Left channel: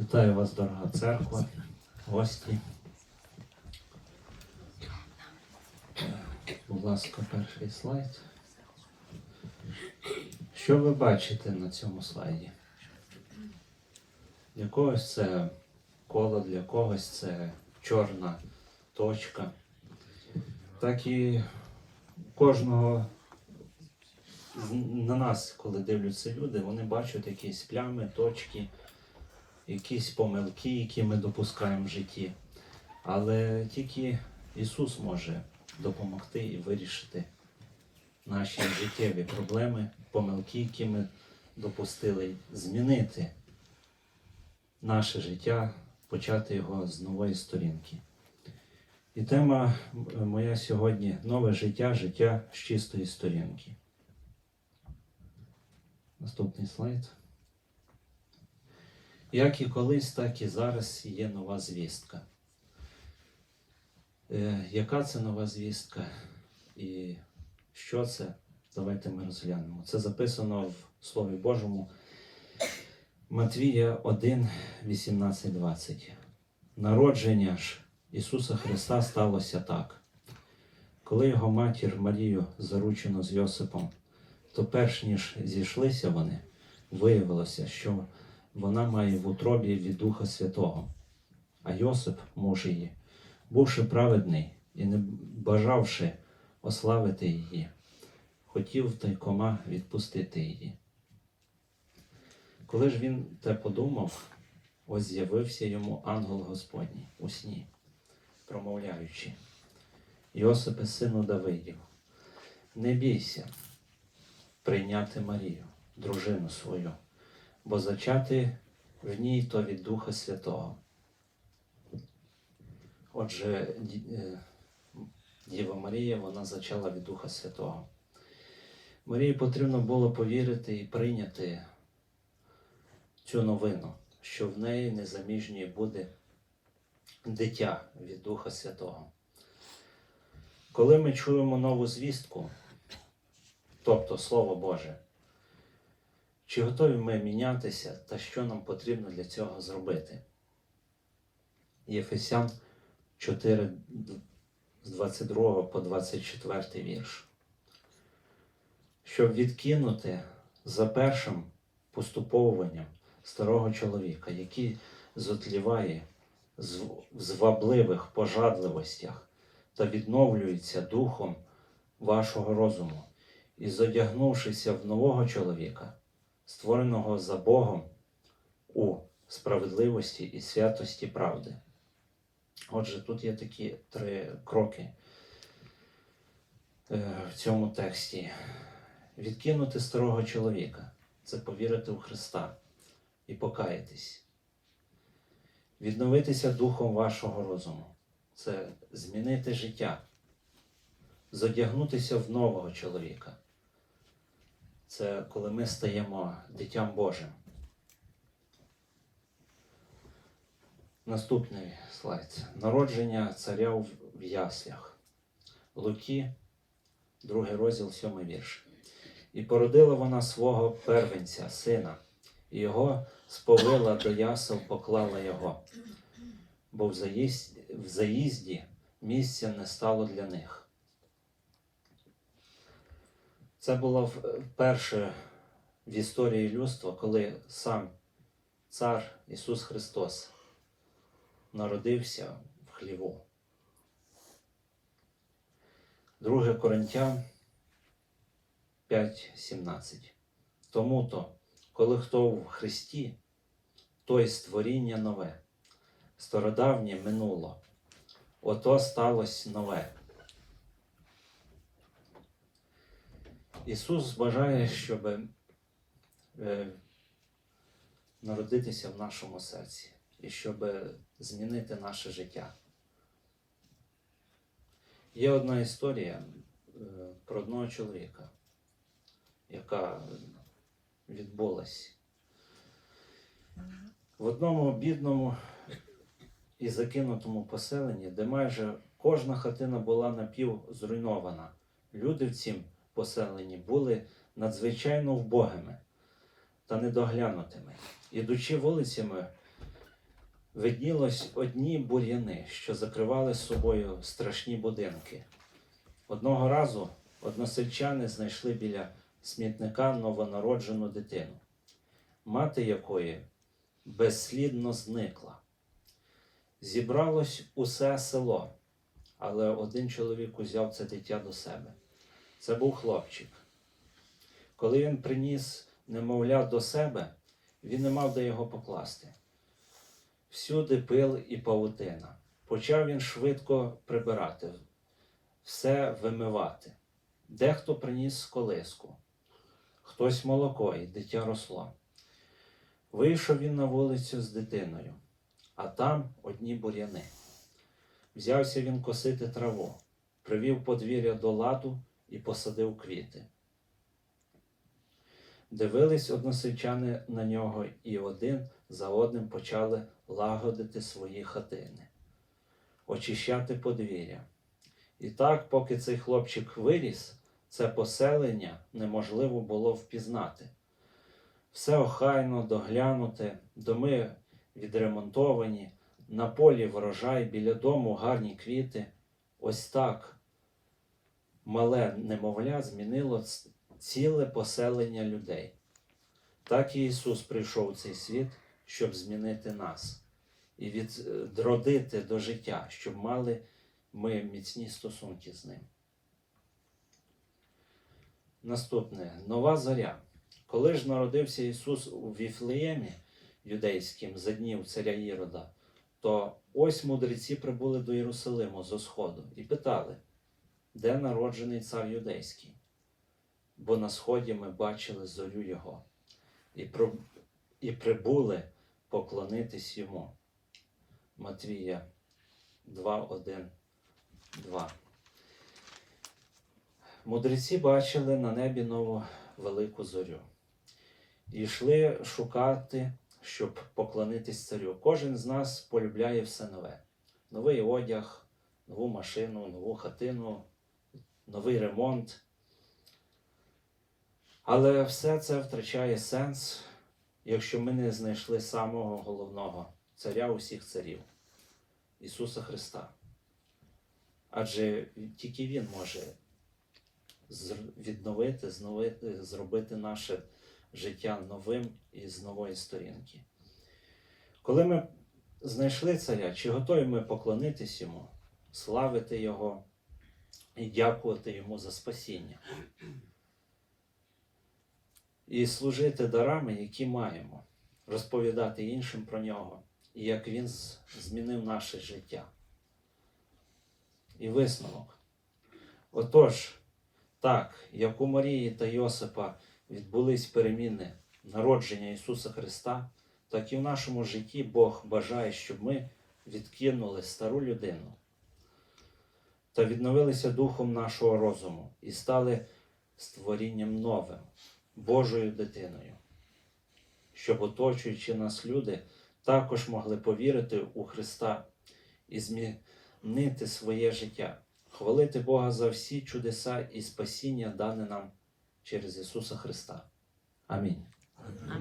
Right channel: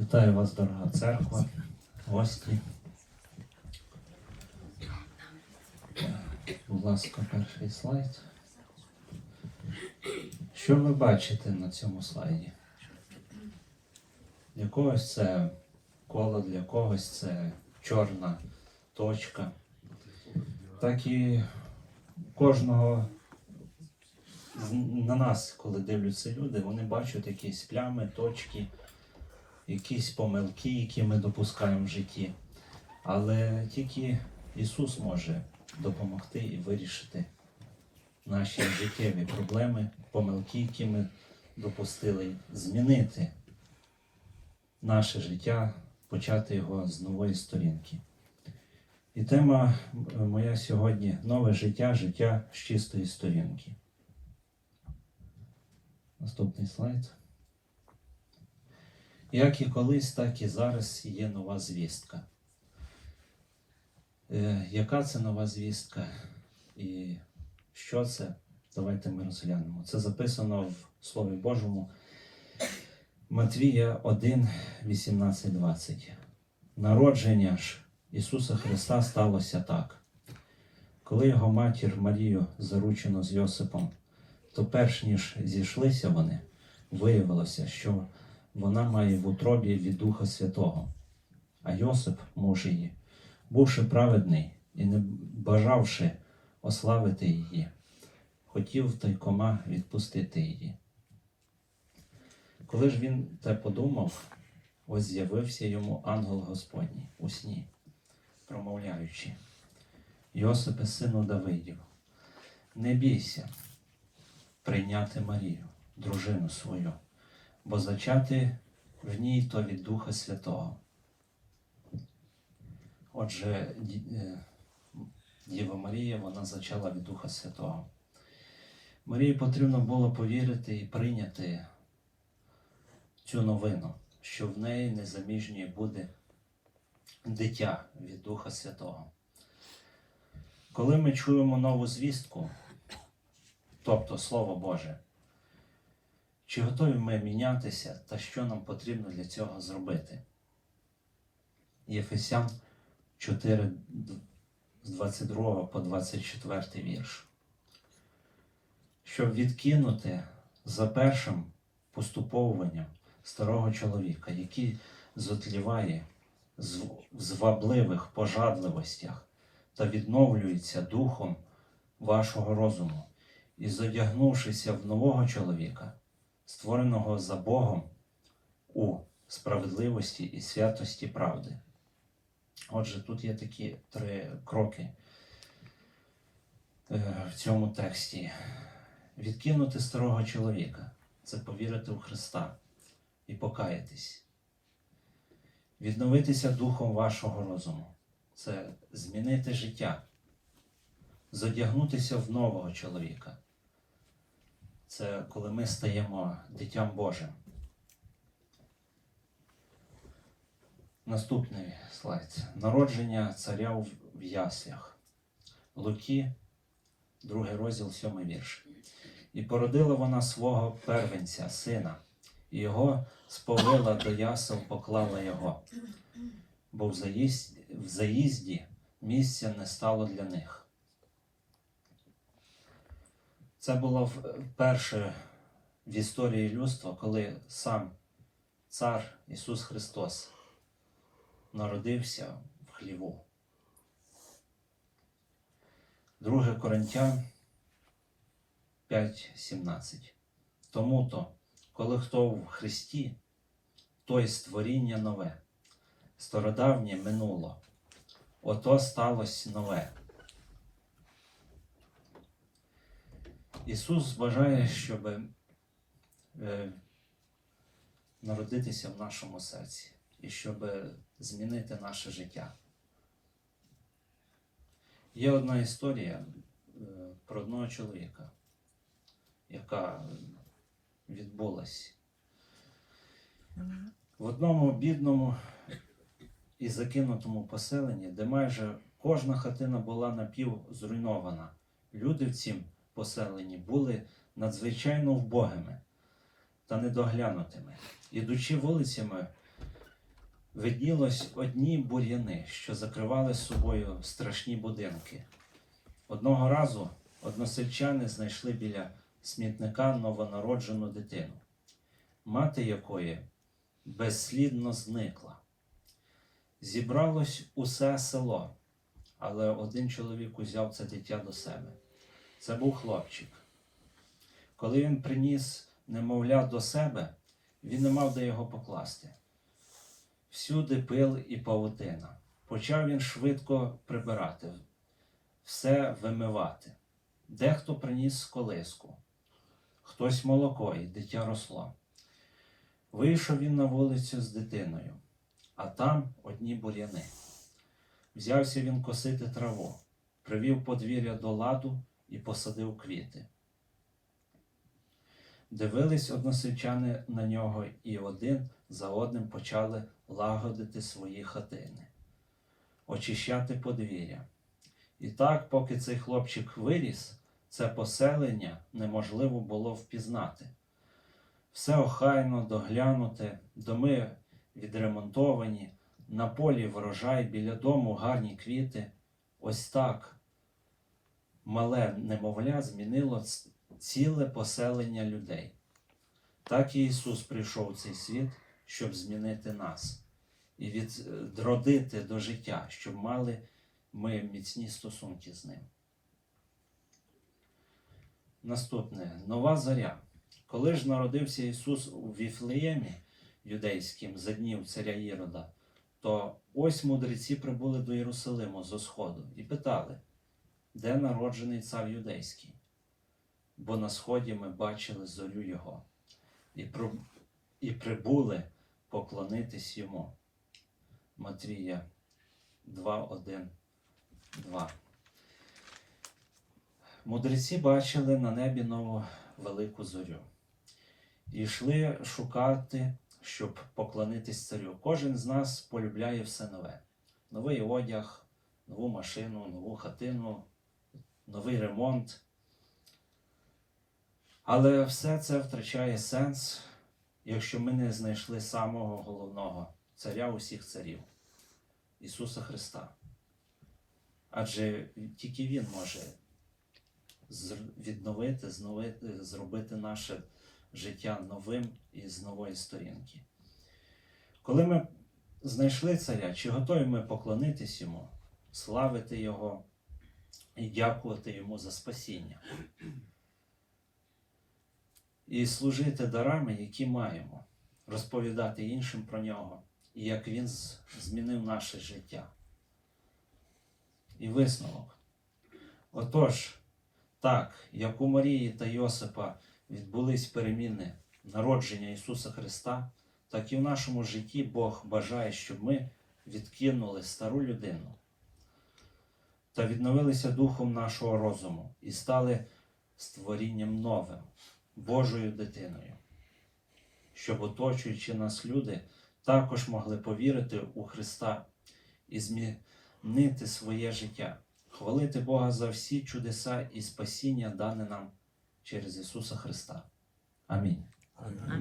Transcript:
Вітаю вас, дорога церква, гості. Будь ласка, перший слайд. Що ви бачите на цьому слайді? Для когось це коло, для когось це чорна точка. Так і кожного на нас, коли дивляться люди, вони бачать якісь плями, точки, якісь помилки, які ми допускаємо в житті. Але тільки Ісус може допомогти і вирішити наші життєві проблеми, помилки, які ми допустили, змінити наше життя, почати його з нової сторінки. І тема моя сьогодні нове життя, життя з чистої сторінки. Наступний слайд. Як і колись, так і зараз є нова звістка. Е, яка це нова звістка і що це? Давайте ми розглянемо. Це записано в Слові Божому Матвія 1, 18, 20. Народження ж Ісуса Христа сталося так. Коли його матір Марію заручено з Йосипом, то перш ніж зійшлися вони, виявилося, що вона має в утробі від Духа Святого. А Йосип, муж її, бувши праведний і не бажавши ославити її, хотів тайкома відпустити її. Коли ж він те подумав, ось з'явився йому ангел Господній у сні, промовляючи, Йосипе, сину Давидів, не бійся прийняти Марію, дружину свою, бо зачати в ній то від Духа Святого. Отже, е, Діва Марія, вона зачала від Духа Святого. Марії потрібно було повірити і прийняти цю новину, що в неї незаміжньої буде дитя від Духа Святого. Коли ми чуємо нову звістку, тобто Слово Боже, чи готові ми мінятися та що нам потрібно для цього зробити? Єфесян 4, з 22 по 24 вірш. Щоб відкинути за першим поступовуванням старого чоловіка, який зотліває в звабливих пожадливостях та відновлюється духом вашого розуму, і зодягнувшися в нового чоловіка, створеного за Богом у справедливості і святості правди. Отже, тут є такі три кроки е, в цьому тексті. Відкинути старого чоловіка це повірити у Христа і покаятись. Відновитися духом вашого розуму це змінити життя, зодягнутися в нового чоловіка. Це коли ми стаємо дитям Божим. Наступний слайд. Народження царя в яслях. Луки, другий розділ, сьомий вірш. І породила вона свого первенця, сина, і його сповила до ясел, поклала його, бо в заїзді місця не стало для них. Це було вперше в історії людства, коли сам цар Ісус Христос народився в хліву. 2 Коринтян 5.17. Тому то, коли хто в Христі, той створіння нове, стародавнє минуло, ото сталося нове. Ісус бажає, щоб е, народитися в нашому серці і щоб змінити наше життя. Є одна історія е, про одного чоловіка, яка відбулась в одному бідному і закинутому поселенні, де майже кожна хатина була напів зруйнована. Люди в цім поселенні були надзвичайно вбогими та недоглянутими. Ідучи вулицями, виднілось одні бур'яни, що закривали собою страшні будинки. Одного разу односельчани знайшли біля смітника новонароджену дитину, мати якої безслідно зникла. Зібралось усе село, але один чоловік узяв це дитя до себе. Це був хлопчик. Коли він приніс немовля до себе, він не мав де його покласти. Всюди пил і павутина. Почав він швидко прибирати, все вимивати. Дехто приніс колиску, хтось молоко, і дитя росло. Вийшов він на вулицю з дитиною, а там одні бур'яни. Взявся він косити траву, привів подвір'я до ладу і посадив квіти. Дивились односельчани на нього, і один за одним почали лагодити свої хатини, очищати подвір'я. І так, поки цей хлопчик виріс, це поселення неможливо було впізнати. Все охайно, доглянуте, доми відремонтовані, на полі врожай, біля дому гарні квіти. Ось так мале немовля змінило ціле поселення людей. Так і Ісус прийшов у цей світ, щоб змінити нас і відродити до життя, щоб мали ми міцні стосунки з Ним. Наступне нова зоря. Коли ж народився Ісус у Віфлеємі юдейським за днів царя Ірода, то ось мудреці прибули до Єрусалиму зо сходу і питали, де народжений цар юдейський? Бо на сході ми бачили зорю Його і, і прибули поклонитись йому. Матвія 2, 1, 2. Мудреці бачили на небі нову велику зорю і йшли шукати, щоб поклонитись царю. Кожен з нас полюбляє все нове: новий одяг, нову машину, нову хатину, новий ремонт. Але все це втрачає сенс, якщо ми не знайшли самого головного царя усіх царів Ісуса Христа. Адже тільки Він може відновити, зробити наше життя новим і з нової сторінки. Коли ми знайшли царя, чи готові ми поклонитись йому, славити Його і дякувати йому за спасіння? І служити дарами, які маємо, розповідати іншим про нього, і як він змінив наше життя. І висновок. Отож, так, як у Марії та Йосипа відбулись переміни народження Ісуса Христа, так і в нашому житті Бог бажає, щоб ми відкинули стару людину та відновилися духом нашого розуму і стали створінням новим, Божою дитиною, щоб оточуючи нас люди також могли повірити у Христа і змінити своє життя, хвалити Бога за всі чудеса і спасіння, дане нам через Ісуса Христа. Амінь. Амінь.